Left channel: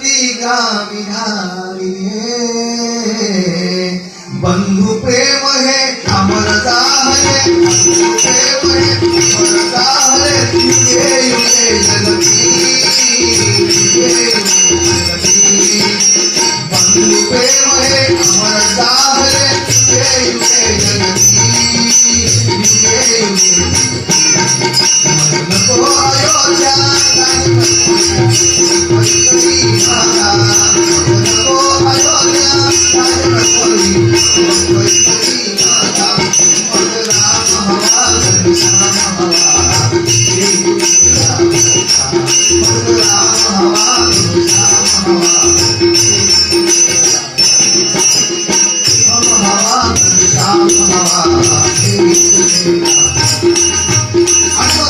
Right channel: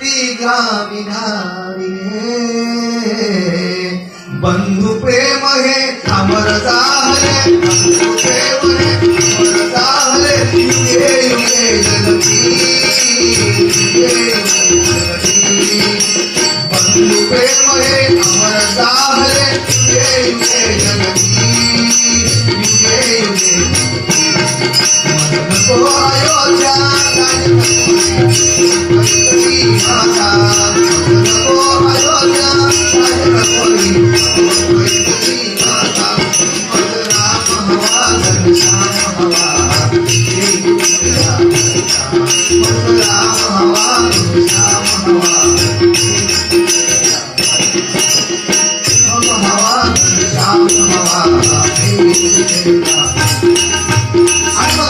जलती गावी धावी बंधु प्रेम हे अमर झाले बंधु प्रेम हे अमर झाले युगे युगे जलती बंधु प्रेम हे अमर झाले युगे युगे जलती युगे युगे नको अयोध्या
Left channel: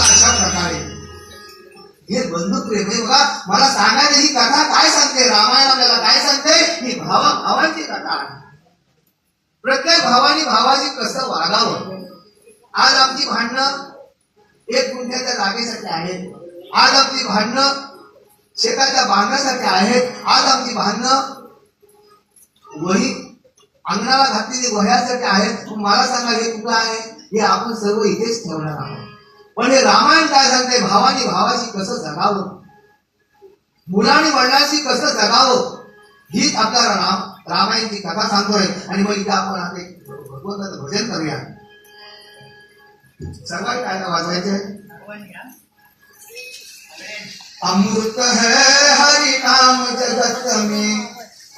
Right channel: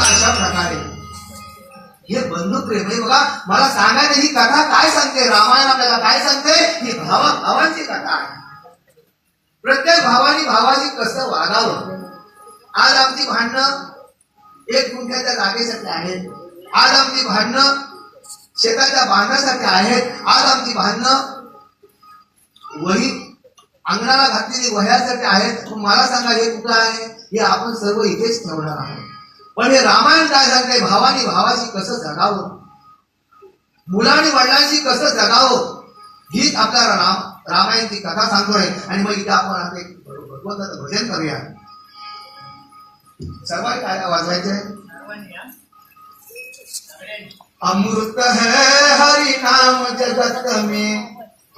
अशा प्रकारे हे बंधू प्रेम आहे बघा. मला सांगायला ही कथा काय सांगते, रामायण आपल्याला काय सांगते, ही भावांची कथा आहे. प्रत्येक भावानी भावाची कसं वागावं. आज आमची भांडणं 1 गुंठ्याच्या जागेसाठी आहेत, आज आमची भांडणं शेताच्या बांधण्यासाठी आहेत, आज आमची भांडणं वही अंगणाला घातलेली वह्यासाठी आहेत. मला सांगा हे कुठं आहे, हे आपण सर्व इथेच ठेवणार आहोत. पण हे रामायण काय सांगते, भावानी भावाशी कसं जगावं, मुलांनी वडिलांशी कसं जगावं, हीच आपल्याला रामायणची कथा सांगतोय. आणि मग इथं आपण आपले भगवंताचं भजन करूया. सर्वांनी काय वाजवायचे, अमृत है हरि नाम जगत में,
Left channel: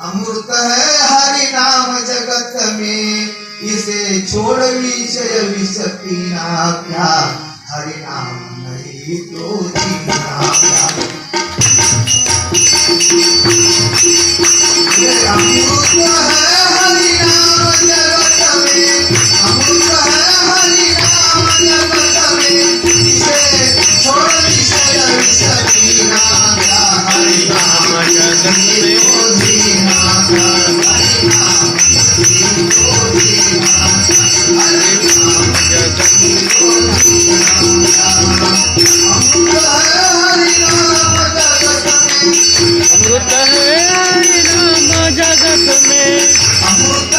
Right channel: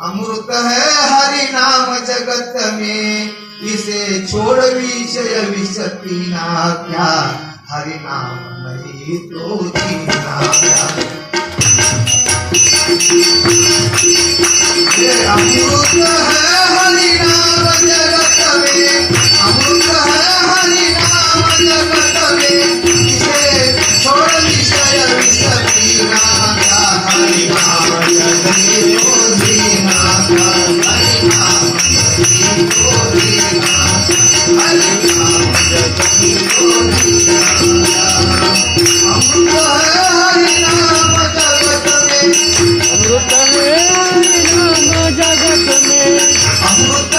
अमृत है हरि नाम जगत में, इसे छोड़ विषय विषती ना क्या, हरि नाम नहीं तो जीना क्या. अमृत है हरि नाम जगत में, अमृत है हरि नाम जगत में, इसे छोड़ विषय विषती ना क्या, हरि नाम जगत में तो जीना क्या, हरि नाम नहीं तो जीना, हरि नाम जगत में तो जीना. अमृत है हरि नाम जगत में, अमृत